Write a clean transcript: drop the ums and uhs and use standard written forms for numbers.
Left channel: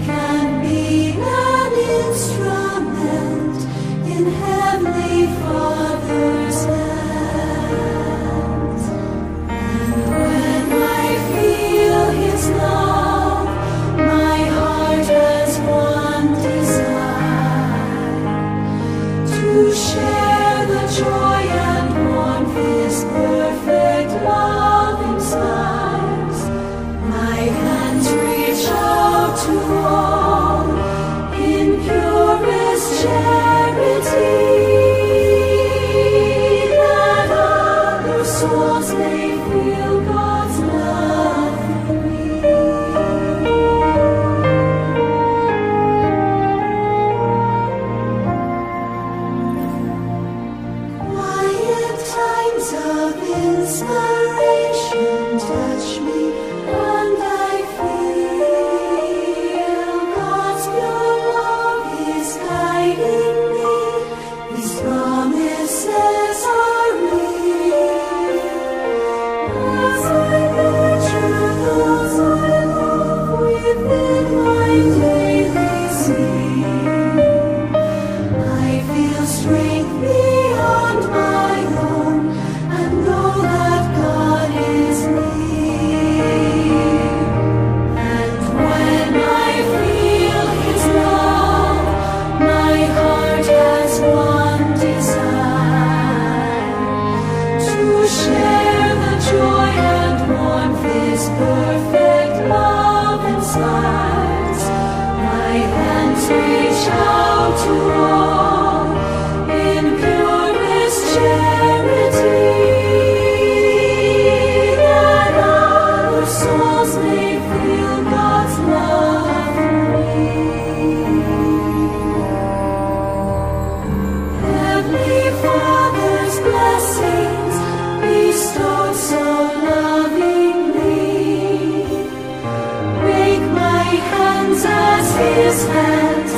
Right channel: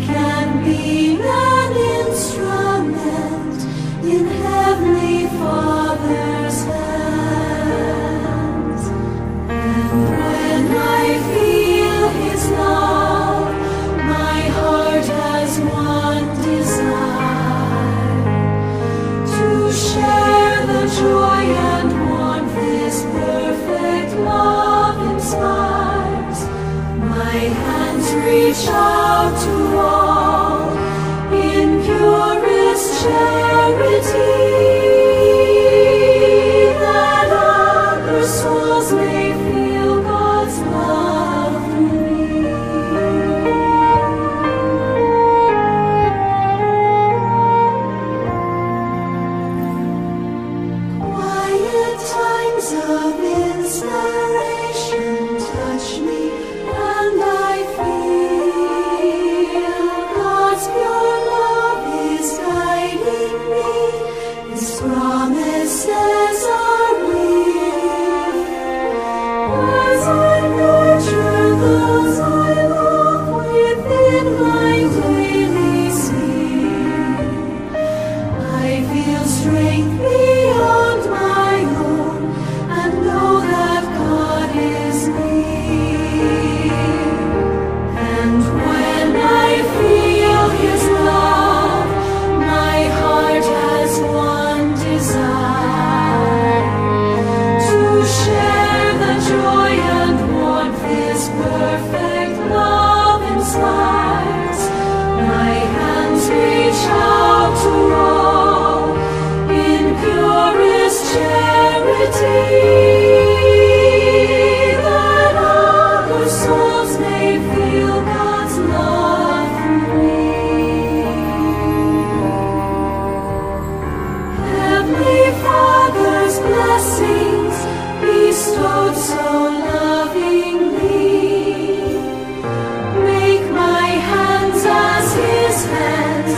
can be an instrument in Heavenly Father's hands. And when I feel His love, my heart has one desire: to share the joy and warmth His perfect love inspires. My hands reach out to all in purest charity, that other souls may feel God's love through me. Quiet times of inspiration touch me, and I feel God's pure love is guiding me. His promises are real. As I nurture those I love within my daily sphere, I feel strength beyond my own, and know that God is near. And when I feel His love, my heart has one desire: to share the joy and warmth His perfect love inspires. My hands reach out to all in purest charity, that other souls may feel God's love through me. Heavenly Father's blessings bestowed so lovingly, make my hands as His hands,